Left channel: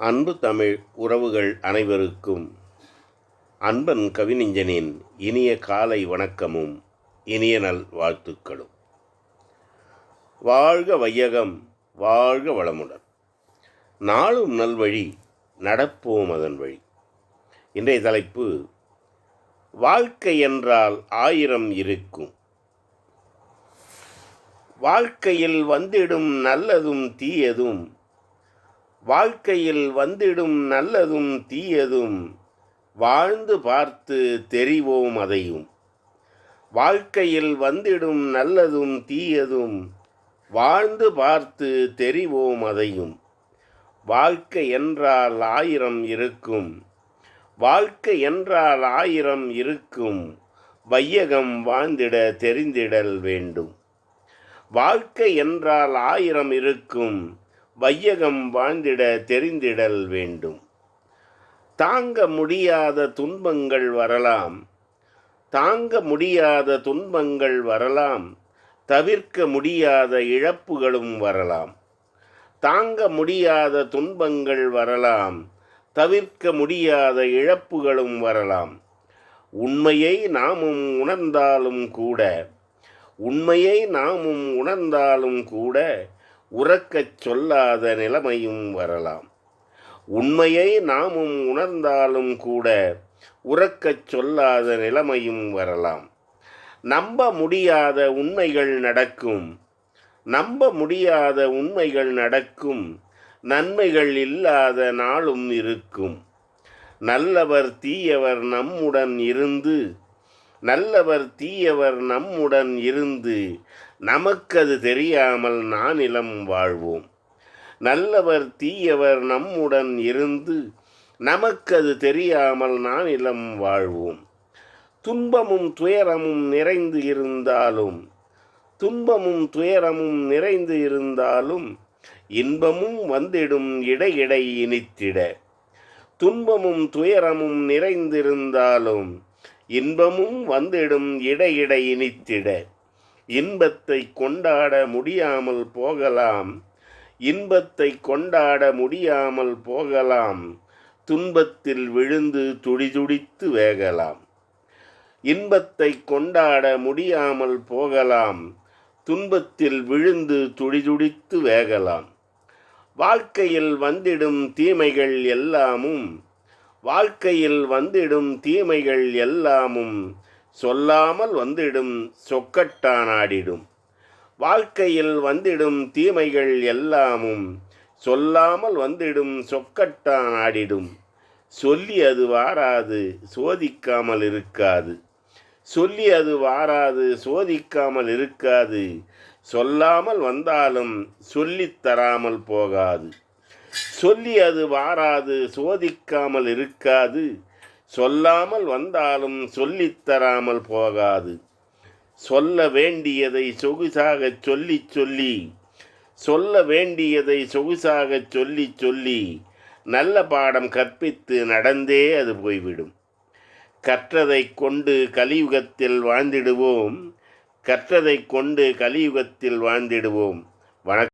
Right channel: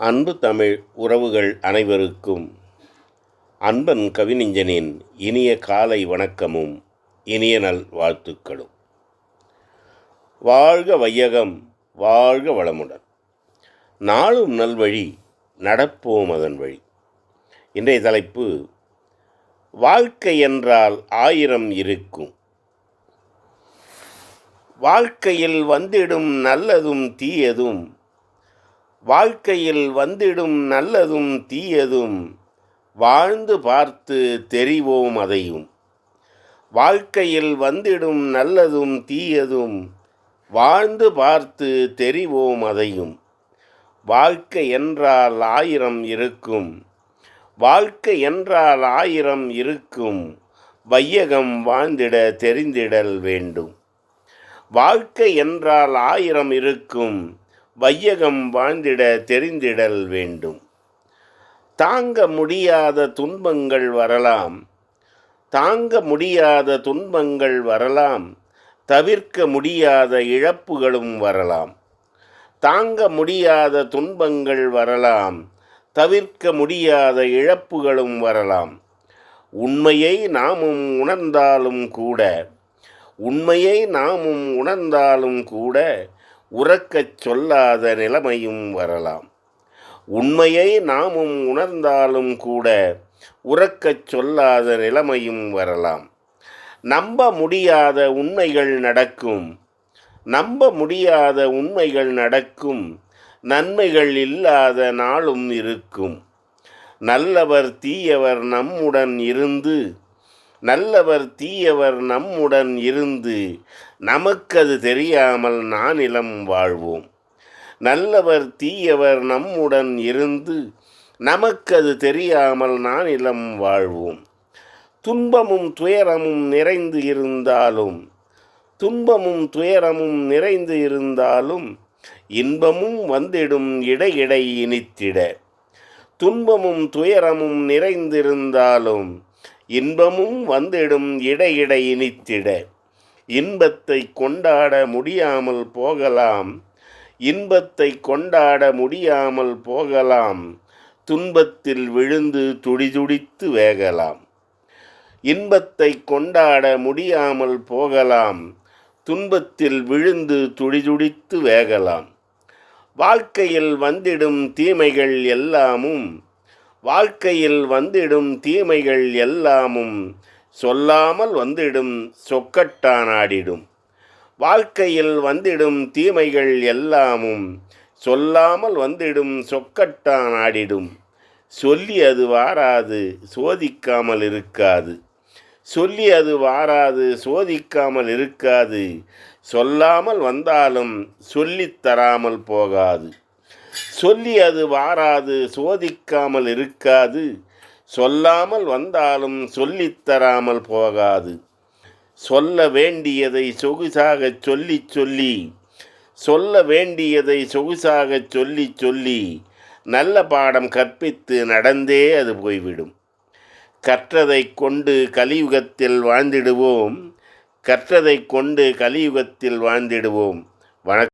அன்பு தமிழ் உறவுகள் அனைவருக்கும் அன்பன் கவிஞனின் இனிய காலை வணக்கமும் இனிய நல் வாழ்த்துக்களும். வாழ்க வையகம் வாழ்க வளமுடன். நாளும் நல்வழி நடப்போம் அதன் வழி. இன்றைய தலைப்பு வாழ்க்கை என்றால் ஆயிரம் இருக்கும். வாழ்க்கையில் வந்திடும் நல்லதும் தீயதும் வாழ்க்கையில் வந்திடும் நல்லதும் தீயதும் வாழ்ந்து பார்த்து தெரிவோம் அதையும். வாழ்க்கையில் வந்திடும் நல்லதும் தீயதும் வாழ்ந்து பார்த்து தெரிவோம் அதையும். வாழ்க்கை என்றால் ஆயிரம் இருக்கும். வாழ்க்கை என்றால் ஆயிரம் இருக்கும். வையகம் வாழ்ந்திட தெரிந்திடல் வேண்டும். வாழ்க்கை என்றால் ஆயிரம் இருக்கும். வையகம் வாழ்ந்திட தெரிந்திடல் வேண்டும். தாங்க முடியாத துன்பங்கள் வரலாம். தாங்க முடியாத துன்பங்கள் வரலாம். தவிர்க்க முடியாத இழப்புகளும் வரலாம். தாங்க முடியாத துன்பங்கள் வரலாம். தவிர்க்க முடியாத இழப்புகளும் வரலாம். உண்மையை நாமும் உணர்ந்தாலும் கூட உண்மையை நாமும் உணர்ந்தாலும் கூட உறக்கச் சொல்லாத நிலைமையும் வரலாம். உண்மையை நாமும் உணர்ந்தாலும் கூட உறக்கச் சொல்லாத நிலைமையும் வரலாம். நம்ப முடியாத உண்மைகள் நடக்கும். நம்ப முடியாத உண்மைகள் நடக்கும். நன்மைகள் இல்லாத நாளும் இருக்கும். நல்லவர் தீயவர் நம்முடன் இருந்து நல்லவர் தீயவர் நம்முடன் இருந்து நமக்கு அது தெரியாமல் நானிலம் வாழ்வோம். நல்லவர் தீயவர் நம்முடன் இருந்து நமக்கு அது தெரியாமல் நானிலம் வாழ்வோம். துன்பமும் துயரமும் நிறைந்து இருந்தாலும் துன்பமும் துயரமும் நிறைந்து இருந்தாலும் இன்பமும் வந்திடும் இடையிடை இனித்திட. துன்பமும் துயரமும் நிறைந்திருந்தாலும் இன்பமும் வந்திடும் இடையிடை இனித்திட. இன்பத்தை கொண்டாட முடியாமல் போகலாம். இன்பத்தை கொண்டாட முடியாமல் போகலாம். துன்பத்தில் விழுந்து துடிதுடித்து வேகலாம். இன்பத்தை கொண்டாட முடியாமல் போகலாம். துன்பத்தில் விழுந்து துடிதுடித்து வேகலாம். வாழ்க்கையில் வந்திடும் தீமைகள் எல்லாமும் வாழ்க்கையில் வந்திடும் தீமைகள் எல்லாமும் சொல்லாமல் வந்திடும் சொக்கட்டானாடிடும். வாழ்க்கையில் வந்திடும் தீமைகள் எல்லாமும் சொல்லாமல் வந்திடும் சொக்கட்டானாடிடும். சொல்லி அது வாராது சோதிக்காமல் இருக்காது. சொல்லி அது வாராது சோதிக்காமல் இருக்காது. சொல்லாமல் வந்தாலும் சொல்லித் தராமல் போகாது. சொல்லி அது வாராது சோதிக்காமல் இருக்காது. சொல்லாமல் வந்தாலும் சொல்லித்தராமல் போகாது. சொல்ல வேண்டியதை சொகுசாக சொல்லி சொல்லி சொல்ல வேண்டியதை சொகுசாக சொல்லி சொல்லி நல்ல பாடம் கற்பித்து நடந்தே அது போய்விடும். கற்றதை கொண்டு கலியுகத்தில் வாழ்ந்திடுவோம். கற்றதை கொண்டு கலியுகத்தில் வாழ்ந்திடுவோம். வணக்கம்.